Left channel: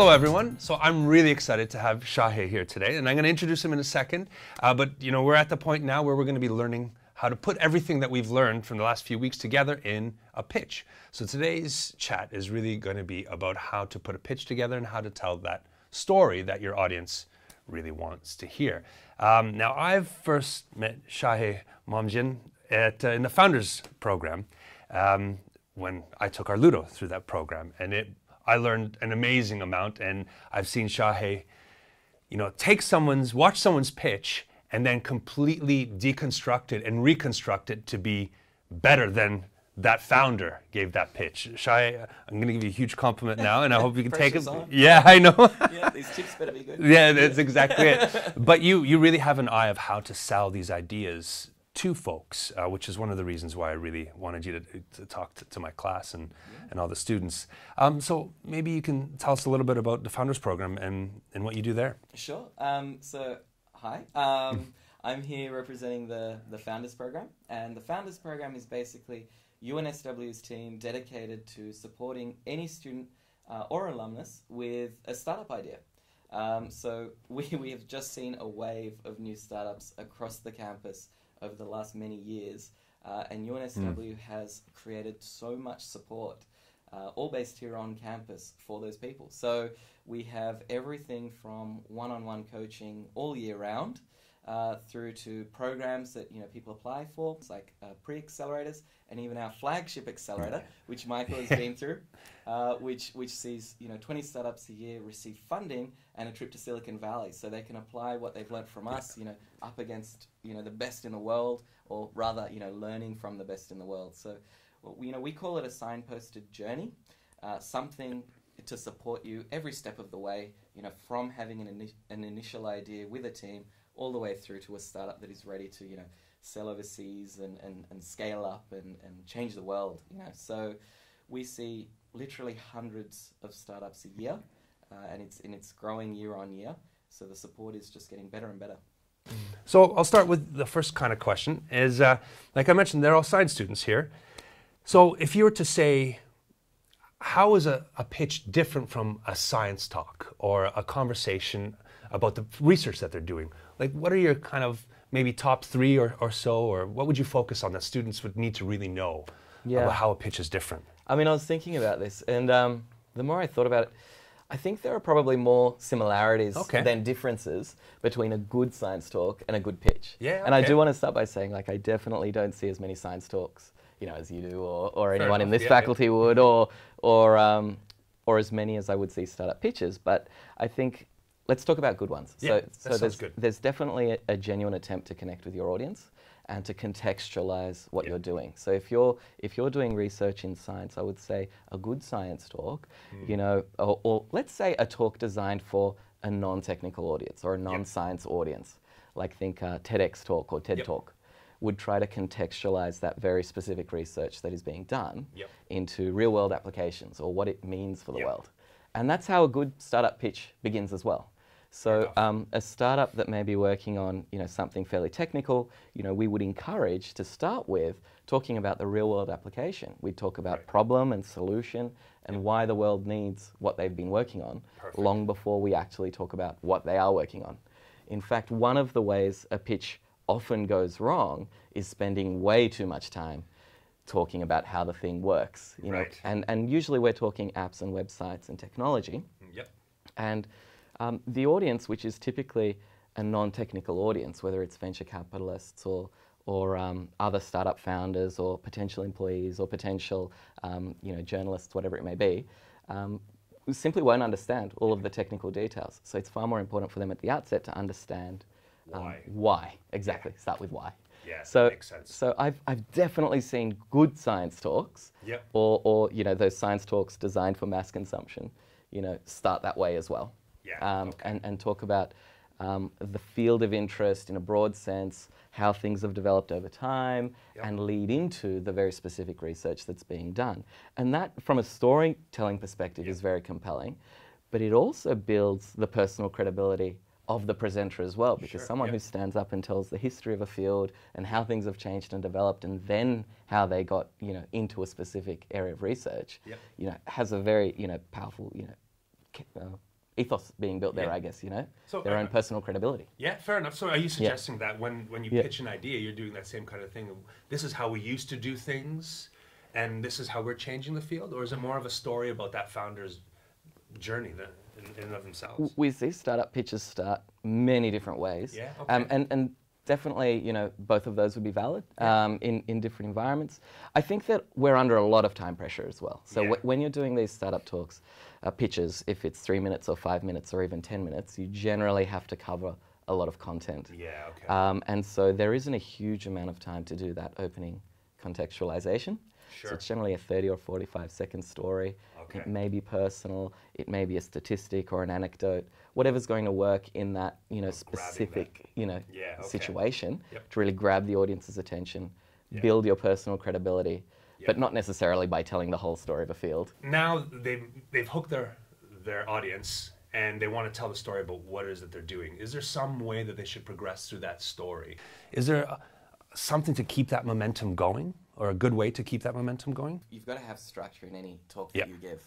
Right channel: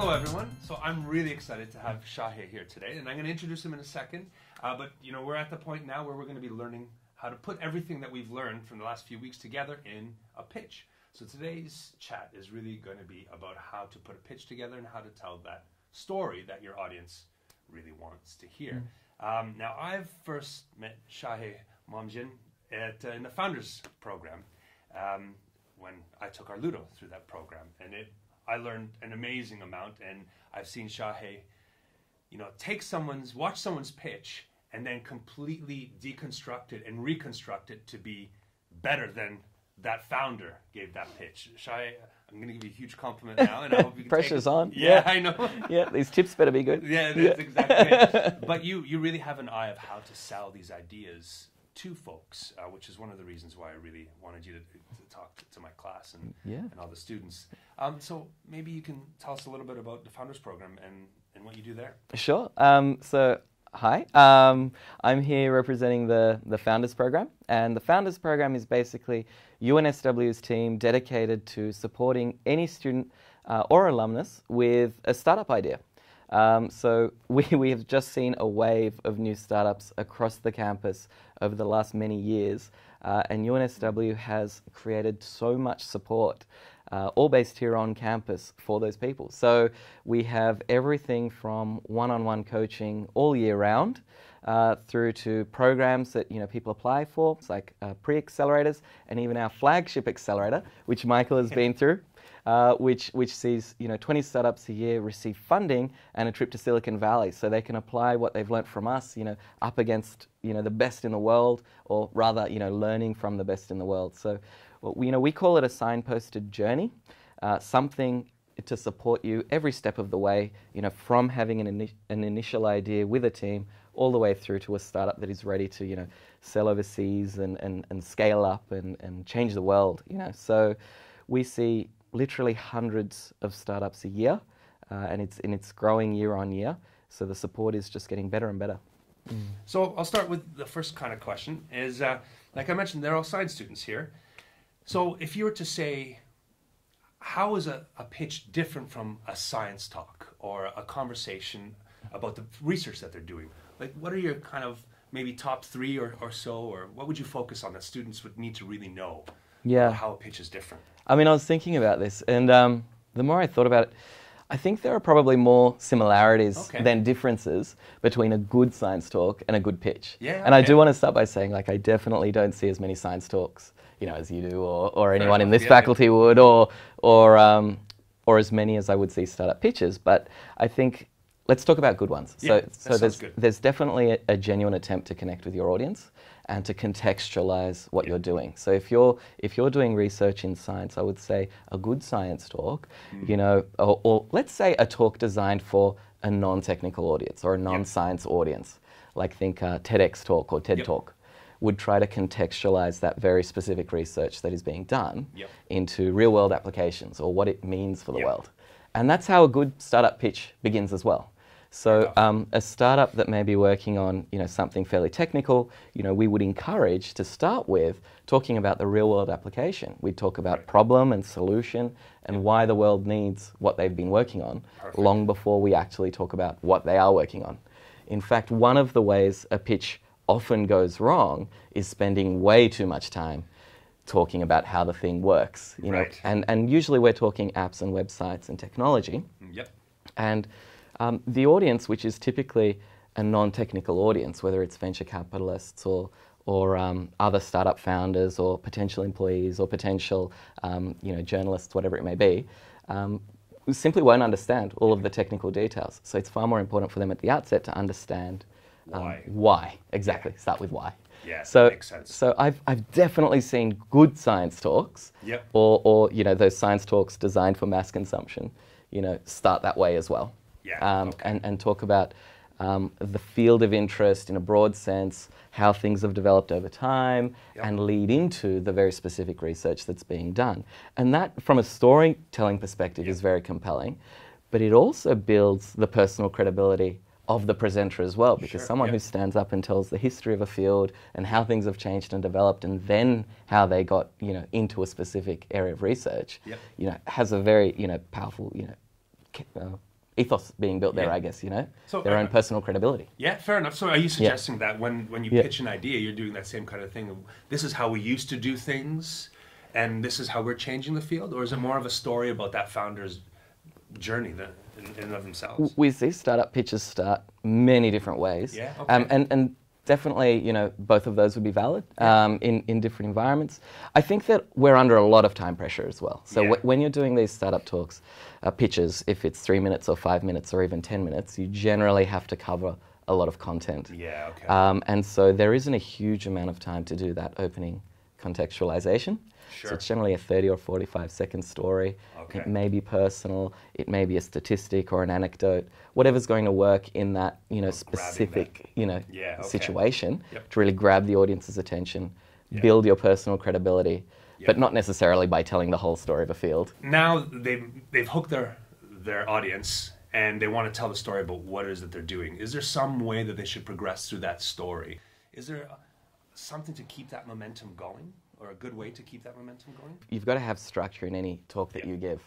Hello everyone. So I'm really excited to have Shahe here today, and I'm going to introduce him in a second. But you know, we're at the point now where we're going to be learning how to put everything that we've learned from the last few weeks together in a pitch. So today's chat is really going to be about how to put a pitch together and how to tell that story that your audience really wants to hear. Now, I've first met Shahe Momdjian in the Founders Program when I took our Ludo through that program, and I learned an amazing amount. And I've seen Shahe, you know, watch someone's pitch and then completely deconstruct it and reconstruct it to be better than that founder gave that pitch. Shahe, I'm going to give you a huge compliment now, and I hope you can take it. On. Yeah, I know. Yeah, these tips better be good. Yeah, that's exactly it. But you really have an eye of how to sell these ideas to folks, which is one of the reasons why I really wanted you to talk to my class and all the students. So maybe you can tell us a little bit about the Founders Program and what you do there. Sure. So hi, I'm here representing the Founders Program, and the Founders Program is basically UNSW's team dedicated to supporting any student or alumnus with a startup idea. So we have just seen a wave of new startups across the campus over the last many years, and UNSW has created so much support, all based here on campus for those people. So we have everything from one-on-one coaching all year round, through to programs that people apply for, it's like pre-accelerators, and even our flagship accelerator, which Michael has been through, which sees 20 startups a year receive funding and a trip to Silicon Valley, so they can apply what they've learnt from us, up against the best in the world, or rather learning from the best in the world. So we call it a signposted journey, something to support you every step of the way, from having an initial idea with a team all the way through to a startup that is ready to sell overseas and scale up and change the world. So we see literally hundreds of startups a year, and it's growing year on year. So the support is just getting better and better. So I'll start with the first kind of question is, like I mentioned, they're all science students here. So if you were to say, how is a pitch different from a science talk or a conversation about the research that they're doing? Like, what are your kind of maybe top three or so, or what would you focus on that students would need to really know about how a pitch is different? I mean, I was thinking about this, and the more I thought about it, I think there are probably more similarities than differences between a good science talk and a good pitch. Yeah, and I do want to start by saying, like, I definitely don't see as many science talks, as you do, or anyone in this faculty would, or as many as I would see startup pitches. But I think let's talk about good ones. So there's definitely a genuine attempt to connect with your audience and to contextualize what you're doing. So if you're doing research in science, I would say a good science talk, or let's say a talk designed for a non-technical audience or a non-science audience, like think TEDx talk or TED talk, would try to contextualize that very specific research that is being done into real-world applications or what it means for the world. And that's how a good startup pitch begins as well. So a startup that may be working on something fairly technical, we would encourage to start with talking about the real-world application. We'd talk about problem and solution and why the world needs what they've been working on long before we actually talk about what they are working on. In fact, one of the ways a pitch often goes wrong is spending way too much time talking about how the thing works. And usually we're talking apps and websites and technology. And the audience, which is typically a non-technical audience, whether it's venture capitalists or other startup founders or potential employees or potential journalists, whatever it may be, who simply won't understand all of the technical details. So it's far more important for them at the outset to understand why. Exactly. Start with why. Yeah, so, that makes sense. So I've definitely seen good science talks, or those science talks designed for mass consumption, start that way as well. And talk about the field of interest in a broad sense, how things have developed over time, and lead into the very specific research that's being done. And that, from a storytelling perspective, is very compelling, but it also builds the personal credibility of the presenter as well, because someone who stands up and tells the history of a field and how things have changed and developed, and then how they got into a specific area of research, has a very powerful ethos being built there, I guess, you know, so, their own personal credibility. Yeah, fair enough. So are you suggesting that when you pitch an idea, you're doing that same kind of thing? This is how we used to do things, and this is how we're changing the field? Or is it more of a story about that founder's journey in and of themselves? We see startup pitches start many different ways. Yeah, okay. And definitely, you know, both of those would be valid in different environments. I think that we're under a lot of time pressure as well. So when you're doing these startup talks, pitches, if it's 3 minutes or 5 minutes or even 10 minutes, you generally have to cover a lot of content. Yeah, okay. And so there isn't a huge amount of time to do that opening contextualization. Sure. So it's generally a 30 or 45-second story. Okay. It may be personal, it may be a statistic or an anecdote, whatever's going to work in that, you know, specific, you know, situation to really grab the audience's attention, build your personal credibility, but not necessarily by telling the whole story of a field. Now they've hooked their audience and they want to tell the story about what it is that they're doing. Is there some way that they should progress through that story? Is there something to keep that momentum going? Or a good way to keep that momentum going? You've got to have structure in any talk that you give.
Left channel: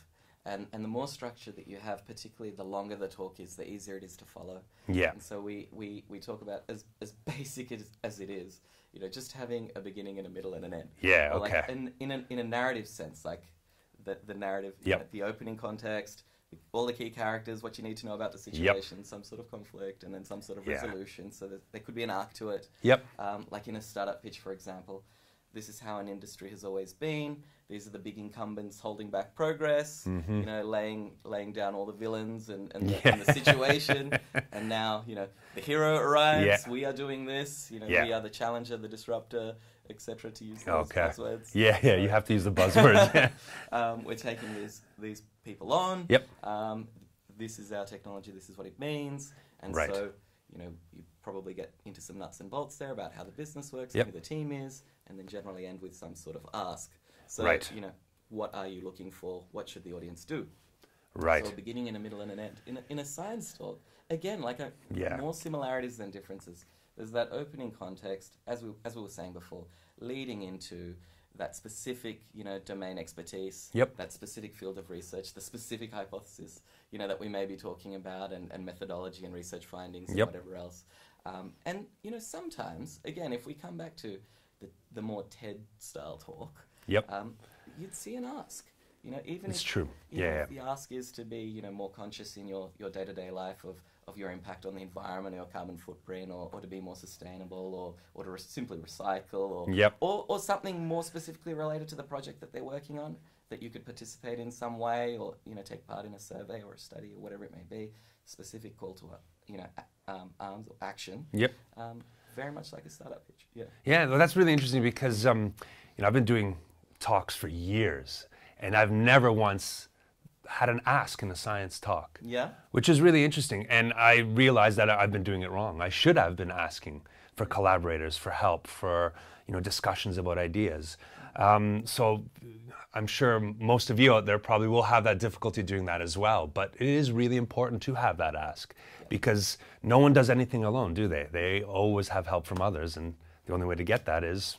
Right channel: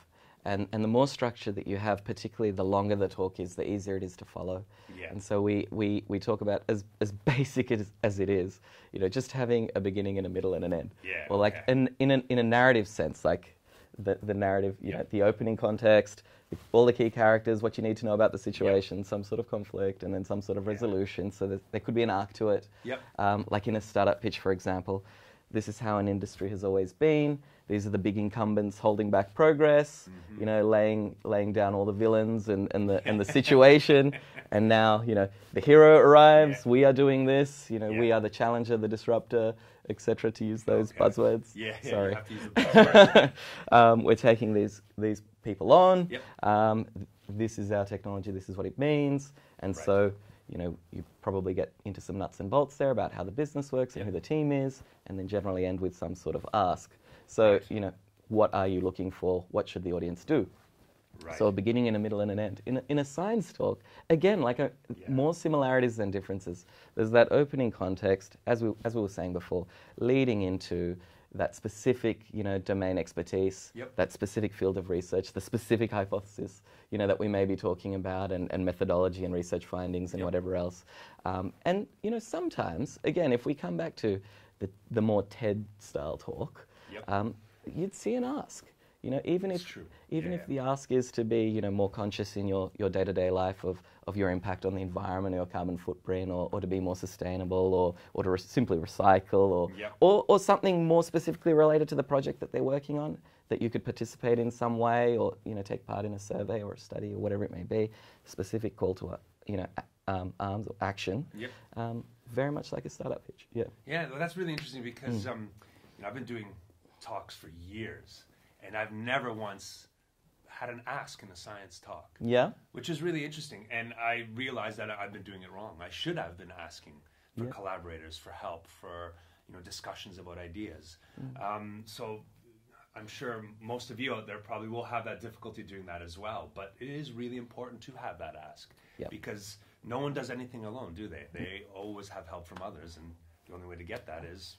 And the more structure that you have, particularly the longer the talk is, the easier it is to follow. Yeah. And so we talk about, as basic as it is, you know, just having a beginning and a middle and an end. Yeah, or like in a narrative sense, like the narrative, you know, the opening context, all the key characters, what you need to know about the situation, some sort of conflict, and then some sort of resolution. So that there could be an arc to it. Like in a startup pitch, for example, this is how an industry has always been. These are the big incumbents holding back progress, you know, laying down all the villains and the situation. And now, you know, the hero arrives, we are doing this, you know, we are the challenger, the disruptor, etc., to use those buzzwords. Yeah, you have to use the buzzwords. We're taking these people on. This is our technology, this is what it means. And so, you know, you probably get into some nuts and bolts there about how the business works and who the team is, and then generally end with some sort of ask. So, you know, what are you looking for? What should the audience do? So a beginning and a middle and an end. In a science talk, again, like more similarities than differences. There's that opening context, as we were saying before, leading into that specific, you know, domain expertise, that specific field of research, the specific hypothesis, you know, that we may be talking about, and methodology and research findings and whatever else. And, you know, sometimes, again, if we come back to the more TED-style talk, you'd see an ask. You know, even if the ask is to be, you know, more conscious in your day-to-day life of your impact on the environment or your carbon footprint, or to be more sustainable, or to simply recycle, or something more specifically related to the project that they're working on, that you could participate in some way, or, you know, take part in a survey or a study or whatever it may be, specific call to, you know, arms or action. Very much like a startup pitch. Yeah, well, that's really interesting because, you know, I've been doing talks for years, and I've never once had an ask in a science talk. Which is really interesting. And I realized that I've been doing it wrong. I should have been asking for collaborators, for help, for, you know, discussions about ideas. So I'm sure most of you out there probably will have that difficulty doing that as well. But it is really important to have that ask because no one does anything alone, do they? They always have help from others. And the only way to get that is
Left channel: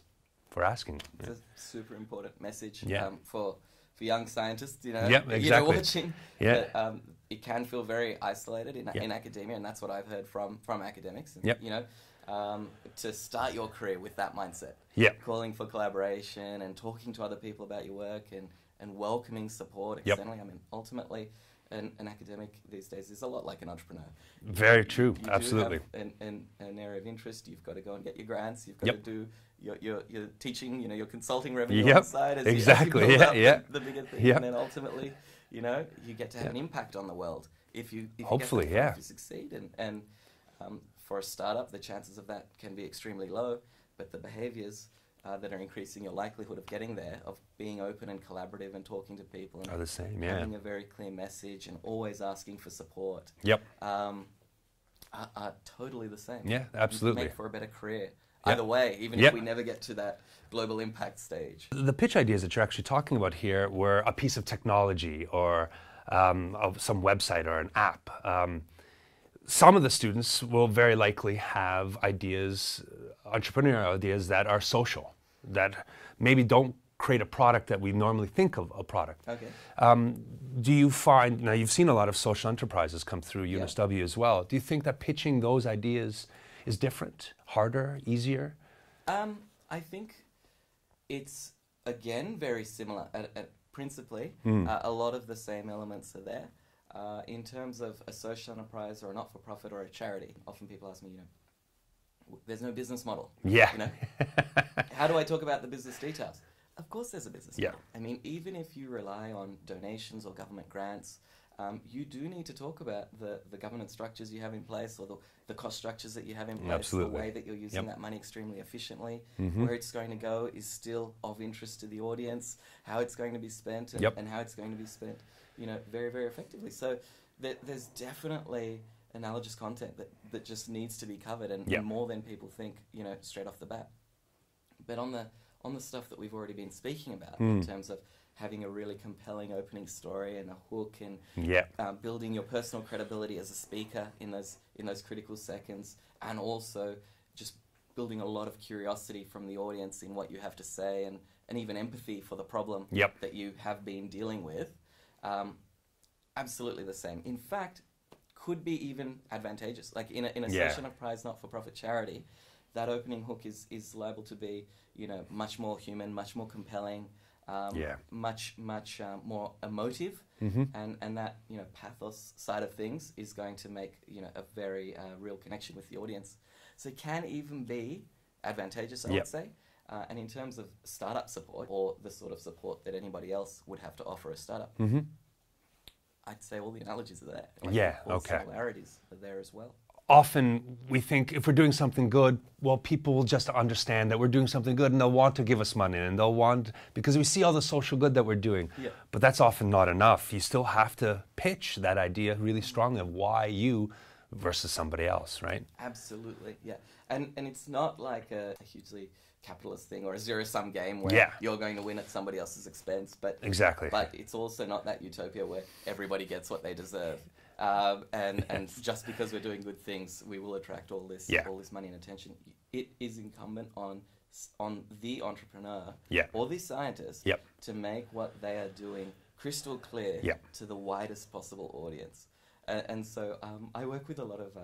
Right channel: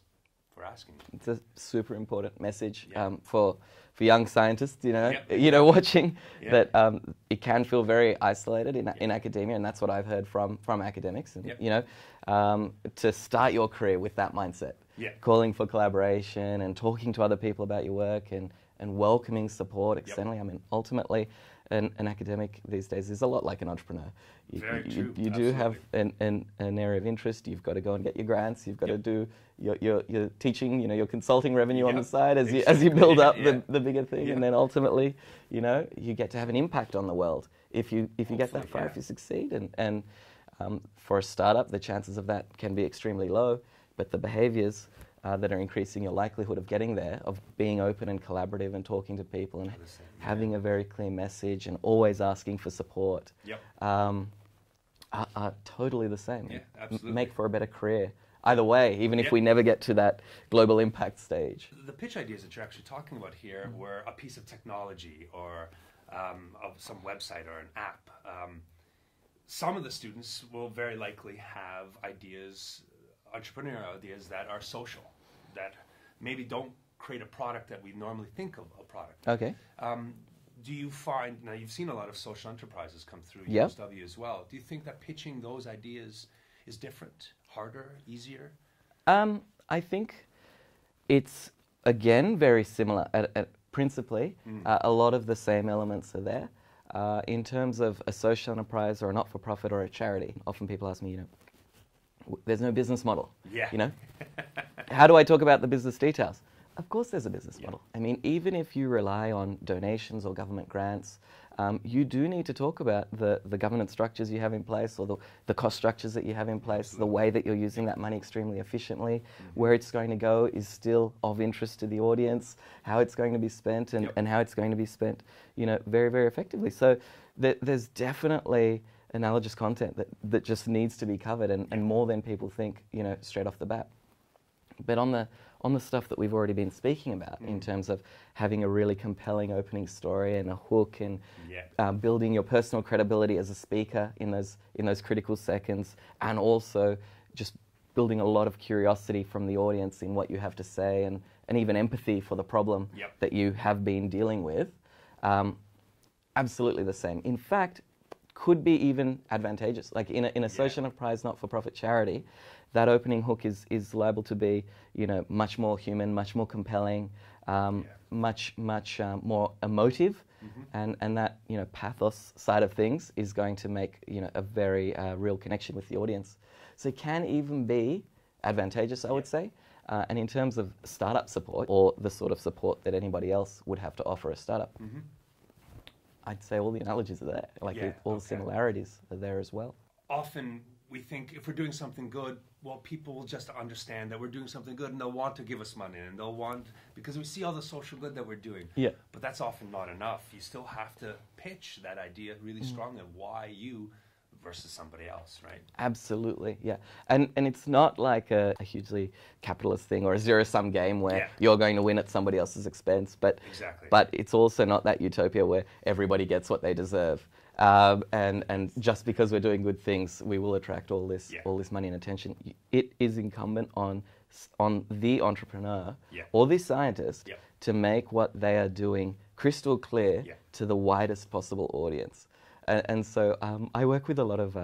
for asking. It's a super important message for young scientists, you know, you know, watching that it can feel very isolated in academia, and that's what I've heard from academics. And, you know, to start your career with that mindset, calling for collaboration and talking to other people about your work and welcoming support externally. I mean, ultimately, an academic these days is a lot like an entrepreneur. Very true. You Absolutely. do have an area of interest. You've got to go and get your grants. You've got to do your teaching, you know, your consulting revenue on the side as you build up the bigger thing, and then ultimately, you know, you get to have an impact on the world if you get that far, if you succeed. And for a startup, the chances of that can be extremely low, but the behaviours that are increasing your likelihood of getting there, of being open and collaborative and talking to people and are the same, having a very clear message and always asking for support, are totally the same. Yeah, absolutely. Make for a better career. Either way, even if we never get to that global impact stage. The pitch ideas that you're actually talking about here were a piece of technology or of some website or an app. Some of the students will very likely have ideas, entrepreneurial ideas that are social, that maybe don't create a product that we normally think of a product. Okay. Do you find, now you've seen a lot of social enterprises come through UNSW as well. Do you think that pitching those ideas is different, harder, easier? I think it's, again, very similar. Principally, a lot of the same elements are there. In terms of a social enterprise or a not-for-profit or a charity, often people ask me, there's no business model. Yeah. How do I talk about the business details? Of course there's a business Yeah. model. I mean, even if you rely on donations or government grants, you do need to talk about the governance structures you have in place, or the cost structures that you have in place, Absolutely. the way that you're using that money extremely efficiently, where it's going to go is still of interest to the audience, how it's going to be spent, and how it's going to be spent, very, very effectively. So there's definitely analogous content that just needs to be covered, and more than people think, straight off the bat. But on the stuff that we've already been speaking about, in terms of having a really compelling opening story and a hook, and building your personal credibility as a speaker in those critical seconds, and also just building a lot of curiosity from the audience in what you have to say, and even empathy for the problem that you have been dealing with, absolutely the same. In fact, could be even advantageous. Like in a social enterprise, not-for-profit charity, that opening hook is liable to be, much more human, much more compelling, much more emotive, and that pathos side of things is going to make a very real connection with the audience. So it can even be advantageous, I would say. And in terms of startup support, or the sort of support that anybody else would have to offer a startup, I'd say all the analogies are there. All similarities are there as well. Often we think if we're doing something good, well, people will just understand that we're doing something good, and they'll want to give us money, and they'll want, because we see all the social good that we're doing. But that's often not enough. You still have to pitch that idea really strongly of why you versus somebody else, right? Absolutely, yeah. And it's not like a hugely capitalist thing or a zero-sum game where you're going to win at somebody else's expense. But exactly. But it's also not that utopia where everybody gets what they deserve. And just because we're doing good things, we will attract all this money and attention. It is incumbent on the entrepreneur or the scientist to make what they are doing crystal clear to the widest possible audience. And so I work with a lot of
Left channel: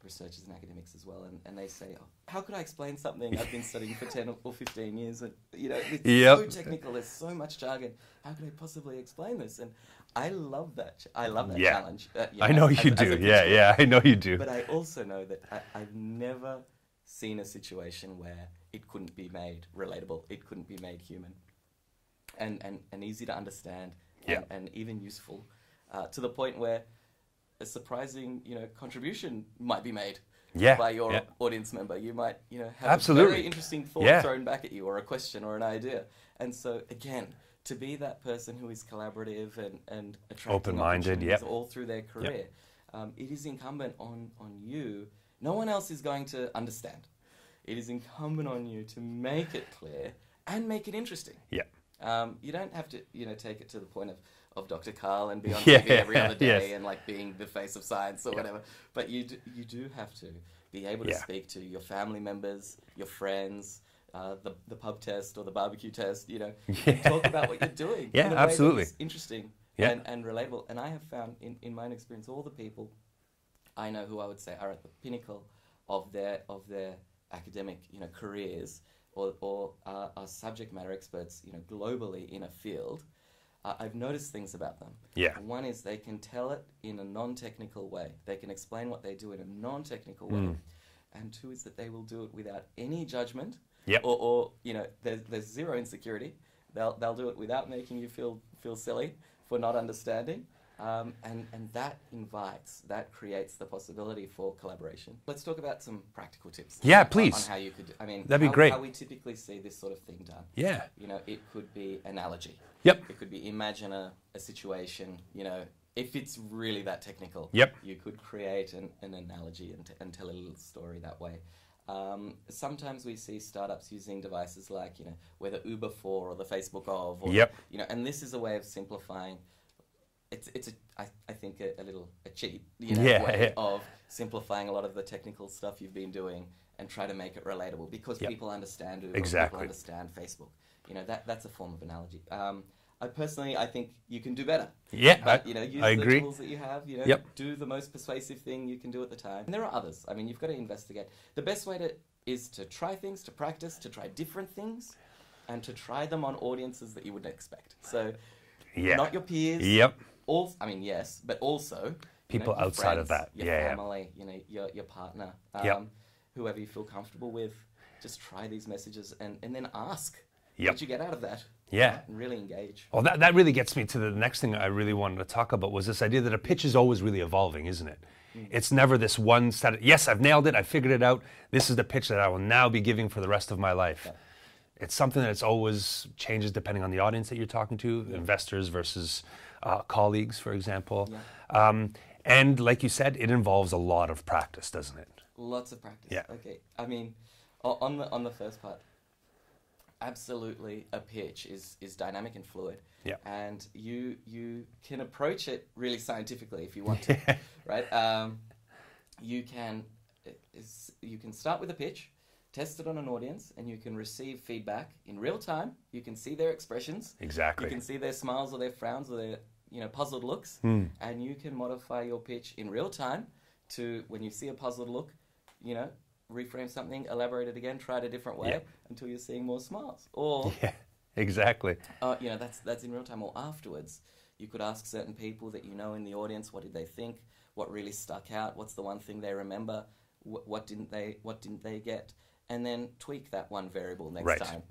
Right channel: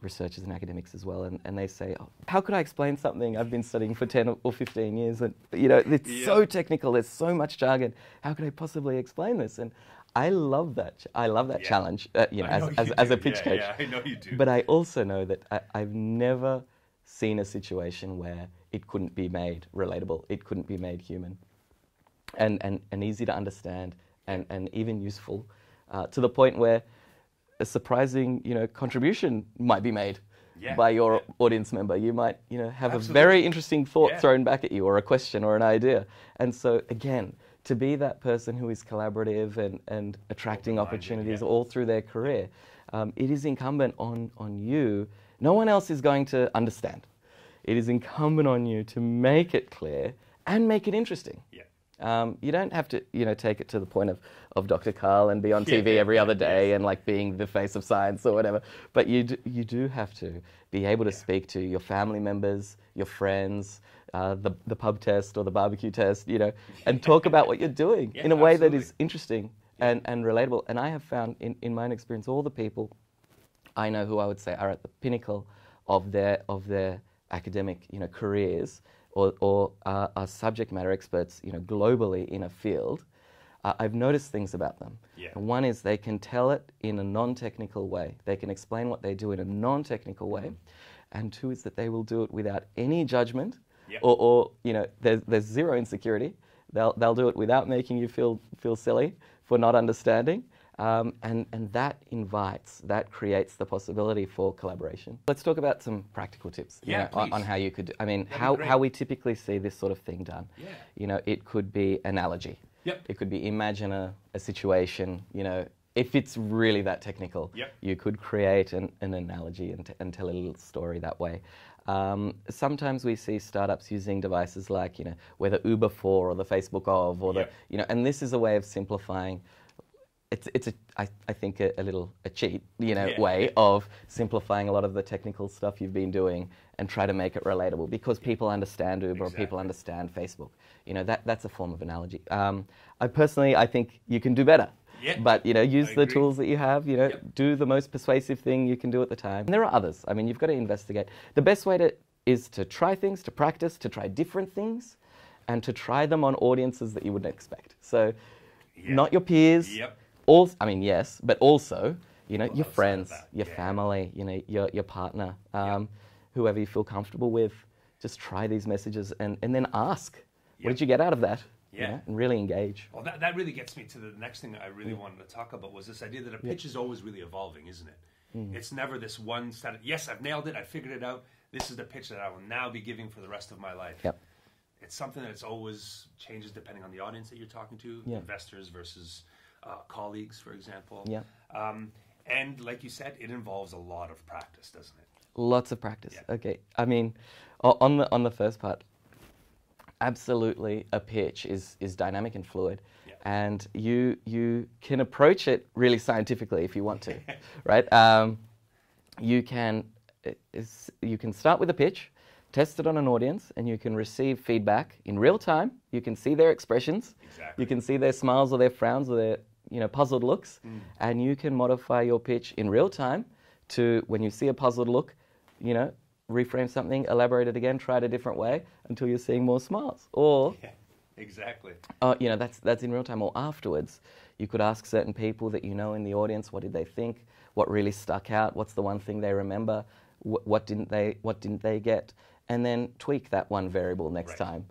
researchers and academics as well, and they say, how could I explain something I've been studying for 10 or 15 years? And it's so technical, there's so much jargon. How could I possibly explain this? And I love that. I love that challenge. I know you do. I know you do. But I also know that I've never seen a situation where it couldn't be made relatable. It couldn't be made human, and easy to understand, and even useful, to the point where a surprising contribution might be made by your audience member. You might have a very interesting thought thrown back at you, or a question or an idea. And so again, to be that person who is collaborative and attracting opportunities all through their career, it is incumbent on you. No one else is going to understand. It is incumbent on you to make it clear and make it interesting. You don't have to, take it to the point of Dr. Carl and be on TV every other day and like being the face of science or whatever. But you do have to be able to speak to your family members, your friends, the pub test or the barbecue test, and talk about what you're doing in a way that is interesting and relatable. And I have found in my own experience, all the people I know who I would say are at the pinnacle of their academic, careers, or are subject matter experts, globally in a field, I've noticed things about them. One is they can tell it in a non-technical way. They can explain what they do in a non-technical way. And two is that they will do it without any judgment, or there's zero insecurity. They'll do it without making you feel silly for not understanding. And that creates the possibility for collaboration. Let's talk about some practical tips. Please. On how you could, how we typically see this sort of thing done. It could be analogy. It could be imagine a situation, if it's really that technical, you could create an analogy and tell a little story that way. Sometimes we see startups using devices like, whether Uber for or the Facebook of, or and this is a way of simplifying I think a little cheat, way of simplifying a lot of the technical stuff you've been doing and try to make it relatable, because people understand Uber, or people understand Facebook. That's a form of analogy. I think you can do better. Yeah, but use the tools that you have. Do the most persuasive thing you can do at the time. And there are others. I mean, you've got to investigate. The best way is to try things, to practice, to try different things, and to try them on audiences that you wouldn't expect. So, not your peers. Yes, but also your friends, your family, your partner, whoever you feel comfortable with. Just try these messages and then ask, what did you get out of that? Yeah. And really engage. Well, that really gets me to the next thing I really wanted to talk about, was this idea that a pitch is always really evolving, isn't it? It's never this one set. Yes, I've nailed it. I figured it out. This is the pitch that I will now be giving for the rest of my life. Yep. It's something that's always changes depending on the audience that you're talking to, investors versus colleagues, for example. Yeah. And like you said, it involves a lot of practice, doesn't it? Lots of practice. Yeah. Okay. I mean, on the first part, absolutely, a pitch is dynamic and fluid. Yeah. And you can approach it really scientifically if you want to, right? You can start with a pitch, test it on an audience, and you can receive feedback in real time. You can see their expressions. Exactly. You can see their smiles or their frowns or their puzzled looks, and you can modify your pitch in real time to, when you see a puzzled look, reframe something, elaborate it again, try it a different way until you're seeing more smiles. Or exactly. That's in real time. Or afterwards, you could ask certain people that in the audience, what did they think? What really stuck out? What's the one thing they remember? What didn't they get? And then tweak that one variable next time.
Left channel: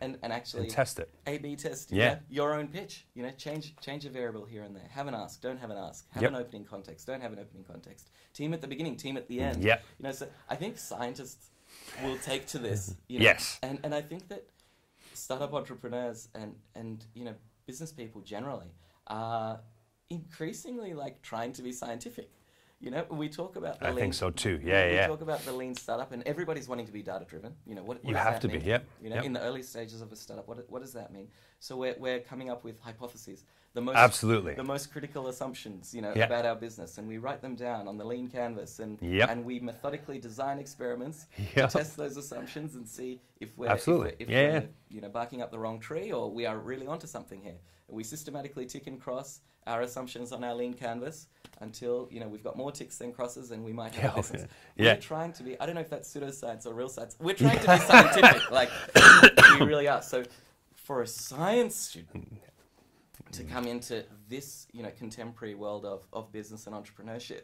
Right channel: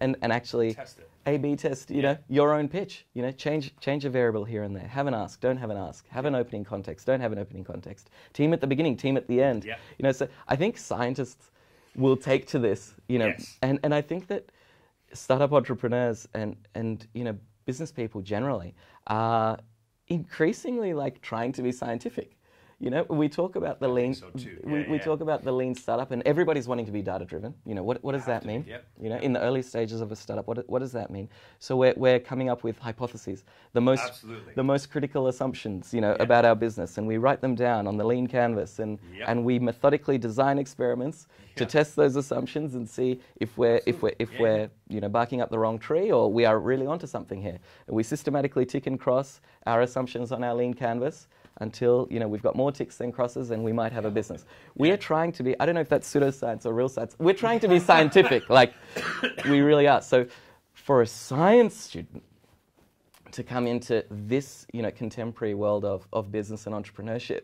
And actually and test it. A/B test. Your own pitch. Change a variable here and there. Have an ask. Don't have an ask. Have an opening context. Don't have an opening context. Team at the beginning. Team at the end. So I think scientists will take to this. Yes. And I think that startup entrepreneurs and business people generally are increasingly trying to be scientific. We talk about the lean. I think so too. We talk about the lean startup, and everybody's wanting to be data driven. What does that mean? In the early stages of a startup, what does that mean? So we're coming up with hypotheses, the most critical assumptions, about our business, and we write them down on the lean canvas, and we methodically design experiments to test those assumptions and see if we're barking up the wrong tree, or we are really onto something here. We systematically tick and cross our assumptions on our lean canvas until we've got more ticks than crosses, and we might have a business. We're trying to be, I don't know if that's pseudoscience or real science, we're trying to be scientific, we really are. So for a science student to come into this contemporary world of business and entrepreneurship,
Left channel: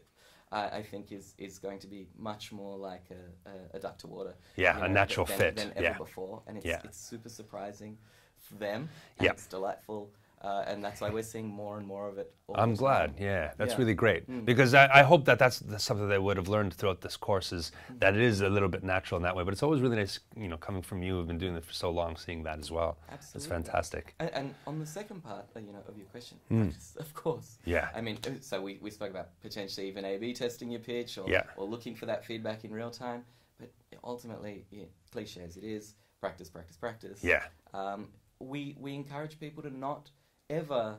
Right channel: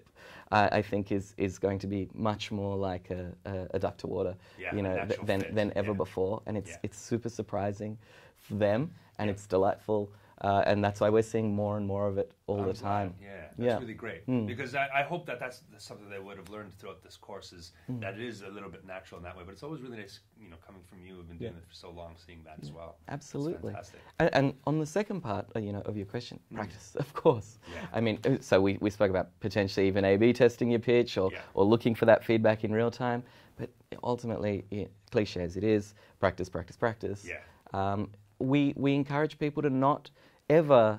I think is going to be much more like a duck to water a natural fit than ever before. And it's super surprising for them, and it's delightful. And that's why we're seeing more and more of it all the time. I'm glad, that's really great. Because I hope that's something they would have learned throughout this course, is that it is a little bit natural in that way. But it's always really nice, coming from you who've been doing it for so long, seeing that as well. Absolutely. It's fantastic. And on the second part, of your question, practice, of course. Yeah. I mean, so we spoke about potentially even A/B testing your pitch or looking for that feedback in real time. But ultimately, cliche as it is, practice, practice, practice. Yeah. We encourage people to not ever,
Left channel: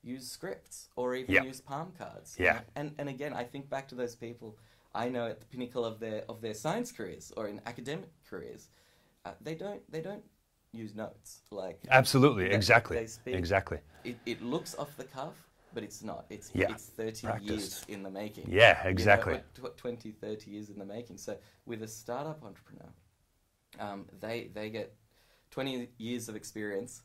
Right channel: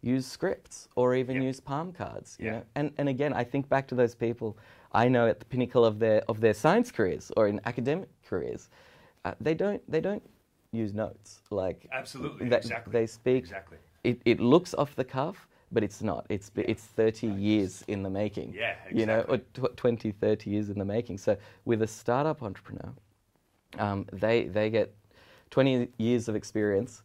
use scripts or even use palm cards. And again, I think back to those people I know at the pinnacle of their science careers or in academic careers. They don't use notes. Absolutely, exactly. They speak. Exactly. It looks off the cuff, but it's not. It's 30 years in the making. Yeah, exactly. Or 20, 30 years in the making. So with a startup entrepreneur, they get 20 years of experience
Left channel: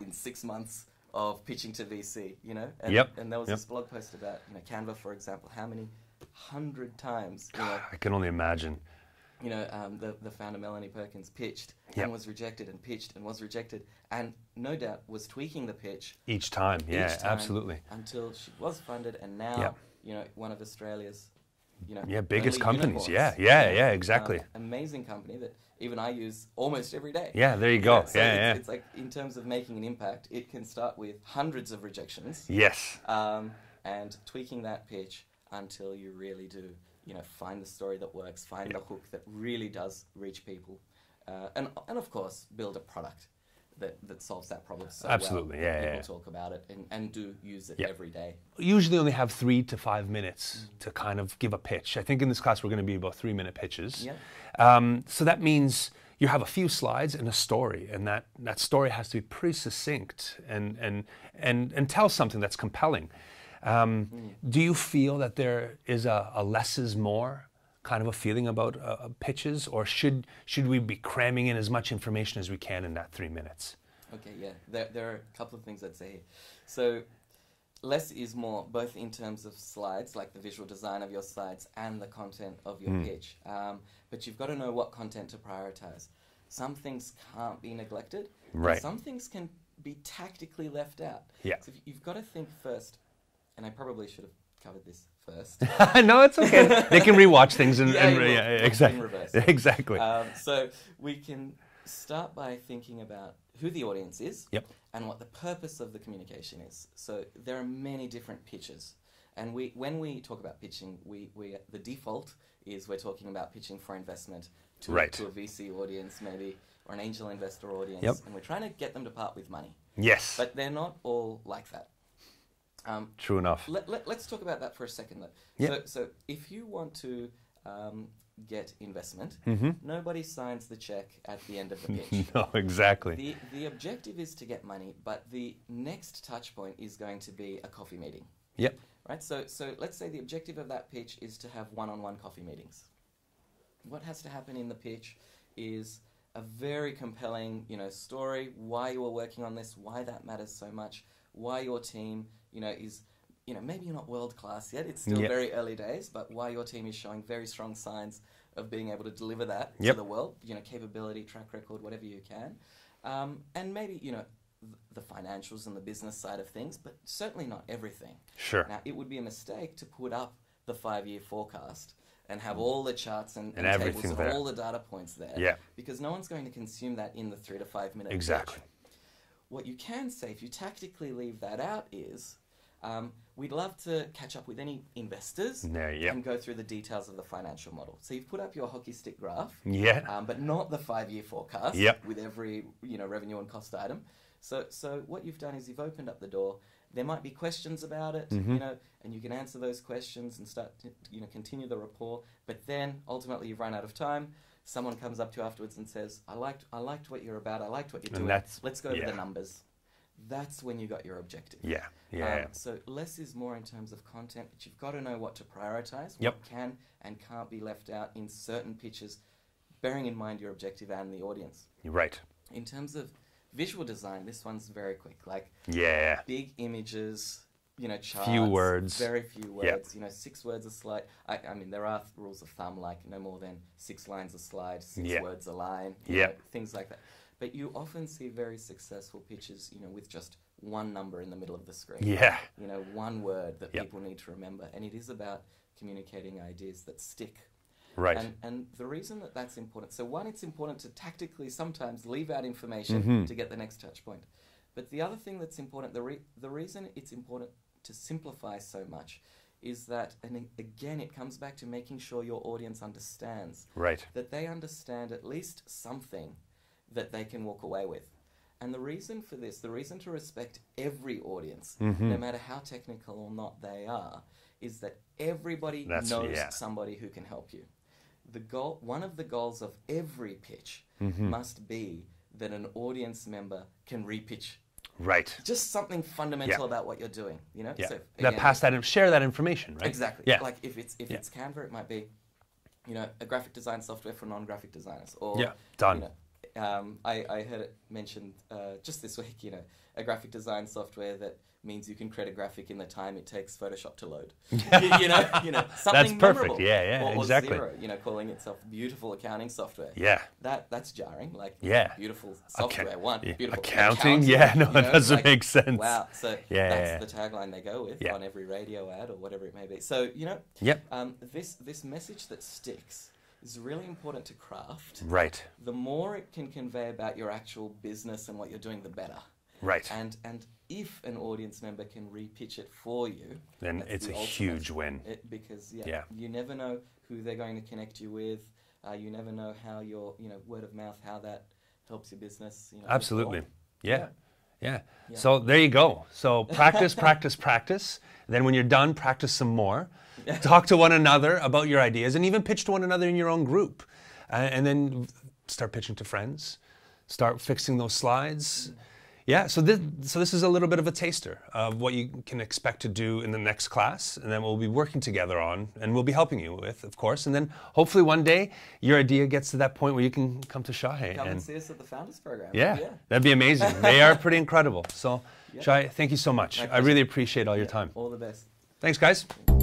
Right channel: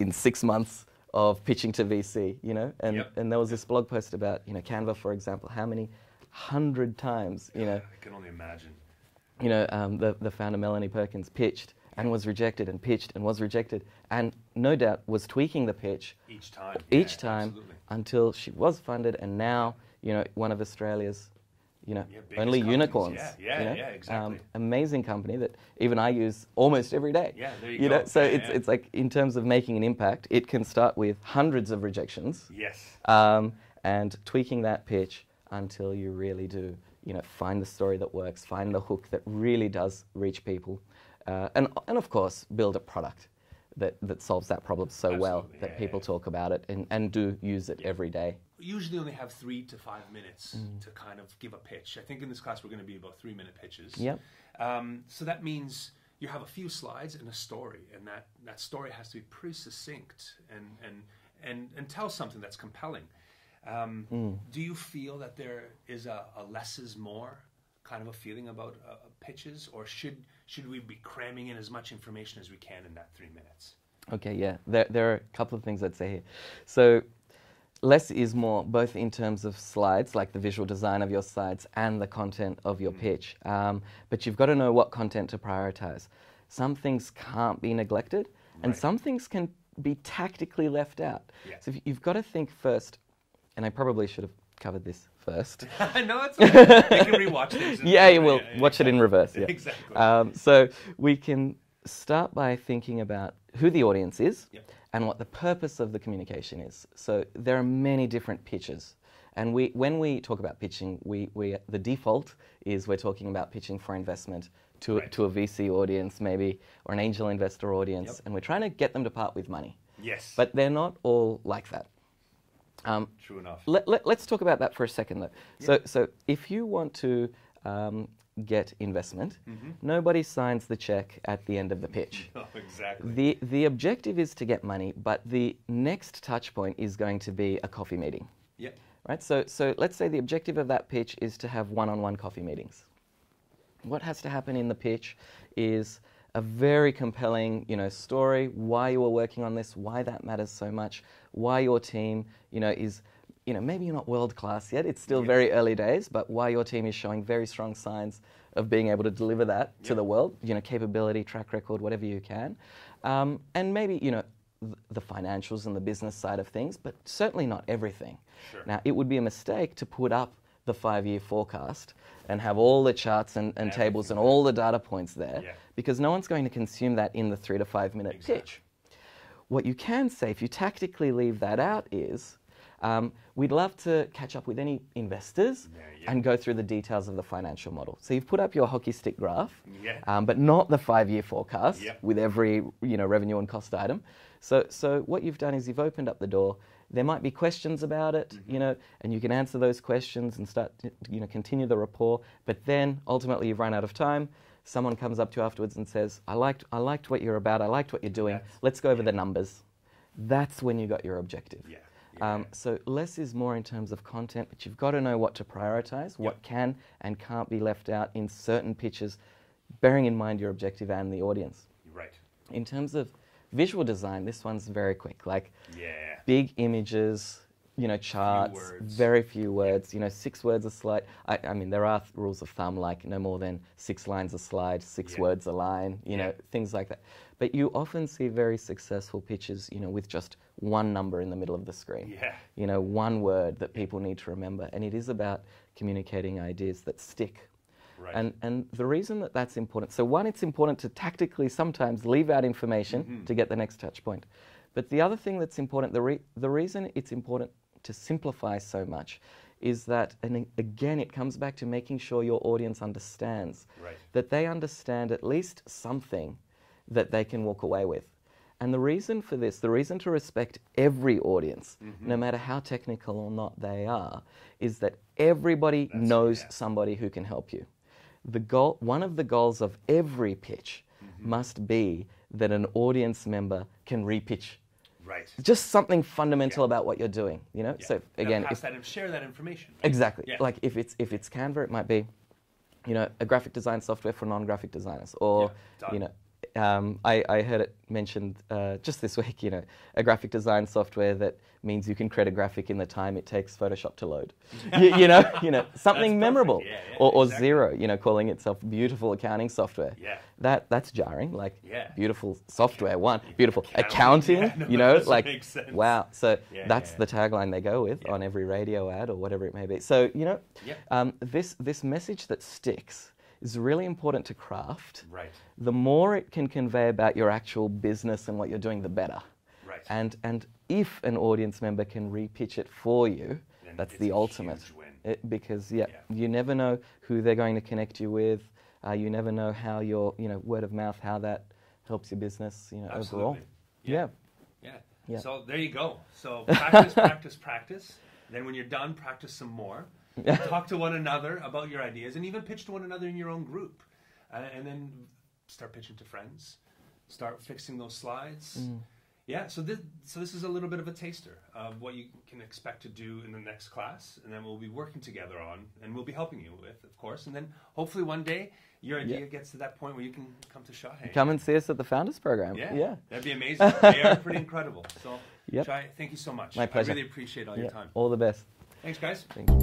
in 6 months of pitching to VC, and there was this blog post about, Canva, for example, how many 100 times, I can only imagine. The founder Melanie Perkins pitched and was rejected and pitched and was rejected, and no doubt was tweaking the pitch each time, absolutely, until she was funded, and now one of Australia's biggest companies. Unicorns. Yeah, exactly. Amazing company that even I use almost every day. Yeah, there you go. So it's like, in terms of making an impact, it can start with hundreds of rejections. Yes. And tweaking that pitch until you really do, find the story that works, find the hook that really does reach people, and of course build a product that solves that problem so Absolutely, well that people talk about it and do use it every day. Usually only have 3 to 5 minutes to kind of give a pitch. I think in this class we're going to be about 3-minute pitches. Yep. So that means you have a few slides and a story, and that story has to be pretty succinct and tell something that's compelling. Do you feel that there is a less is more kind of a feeling about pitches, or should we be cramming in as much information as we can in that 3 minutes? Okay, yeah. There are a couple of things I'd say here. So less is more, both in terms of slides, like the visual design of your slides and the content of your pitch. But you've got to know what content to prioritize. Some things can't be neglected, and some things can be tactically left out. Yeah. So you've got to think first, and I probably should have covered this first. No, it's okay. They can rewatch things. You will watch it in reverse. Yeah. Exactly. So we can start by thinking about who the audience is and what the purpose of the communication is. So there are many different pitches. And when we talk about pitching, the default is we're talking about pitching for investment to a VC audience maybe, or an angel investor audience, and we're trying to get them to part with money. Yes. But they're not all like that. True enough. Let's talk about that for a second, though. Yep. So if you want to get investment, nobody signs the check at the end of the pitch. No, exactly. The objective is to get money, but the next touch point is going to be a coffee meeting. Yep. Right. So let's say the objective of that pitch is to have one-on-one coffee meetings. What has to happen in the pitch is a very compelling, story, why you are working on this, why that matters so much, why your team, is, maybe you're not world class yet, it's still very early days, but why your team is showing very strong signs of being able to deliver that to the world, capability, track record, whatever you can. And maybe, the financials and the business side of things, but certainly not everything. Sure. Now, it would be a mistake to put up the 5-year forecast and have all the charts and tables and all the data points there, because no one's going to consume that in the 3 to 5 minute pitch. What you can say, if you tactically leave that out, is we'd love to catch up with any investors and go through the details of the financial model. So you've put up your hockey stick graph, but not the 5-year forecast with every revenue and cost item. So what you've done is you've opened up the door. There might be questions about it, and you can answer those questions and start to, continue the rapport. But then ultimately you've run out of time. Someone comes up to you afterwards and says, I liked what you're about. I liked what you're doing. Let's go over the numbers. That's when you got your objective. So less is more in terms of content, but you've got to know what to prioritize, what can and can't be left out in certain pitches, bearing in mind your objective and the audience. Right. In terms of visual design, this one's very quick. Big images, charts, few words, very few words. 6 words a slide. I mean, there are rules of thumb, like no more than 6 lines a slide, 6 words a line, things like that. But you often see very successful pitches, with just one number in the middle of the screen. One word that people need to remember, and it is about communicating ideas that stick. Right. And the reason that that's important, so one, it's important to tactically sometimes leave out information to get the next touch point. But the other thing that's important, the reason it's important to simplify so much is that, and again, it comes back to making sure your audience understands. Right. That they understand at least something that they can walk away with. And the reason for this, the reason to respect every audience, no matter how technical or not they are, is that everybody knows somebody who can help you. One of the goals of every pitch must be that an audience member can repitch. Right. Just something fundamental about what you're doing, So again, share that information, right? Exactly. Like if it's Canva, it might be, a graphic design software for non-graphic designers, or I heard it mentioned just this week, a graphic design software that means you can create a graphic in the time it takes Photoshop to load. Something memorable. Or exactly. Xero, calling itself beautiful accounting software. That's jarring. Beautiful software, beautiful accounting. That doesn't make sense. Wow. So that's the tagline they go with on every radio ad or whatever it may be. So this message that sticks is really important to craft. Right. The more it can convey about your actual business and what you're doing, the better. Right. And if an audience member can repitch it for you, then that's it's the ultimate. Huge win. Because you never know who they're going to connect you with. You never know how your word of mouth, how that helps your business. Absolutely. Overall. Yeah. So there you go. So practice, practice, practice. Then when you're done, practice some more. Talk to one another about your ideas, and even pitch to one another in your own group. And then start pitching to friends. Start fixing those slides. Yeah, so this is a little bit of a taster of what you can expect to do in the next class, and then we'll be working together on, and we'll be helping you with, of course. And then hopefully one day your idea gets to that point where you can come to Shahe. Come and see us at the Founders Program. Yeah, that'd be amazing. They are pretty incredible. So, Yep. Shahe, thank you so much. I really appreciate all your time. All the best. Thanks, guys. Thank you.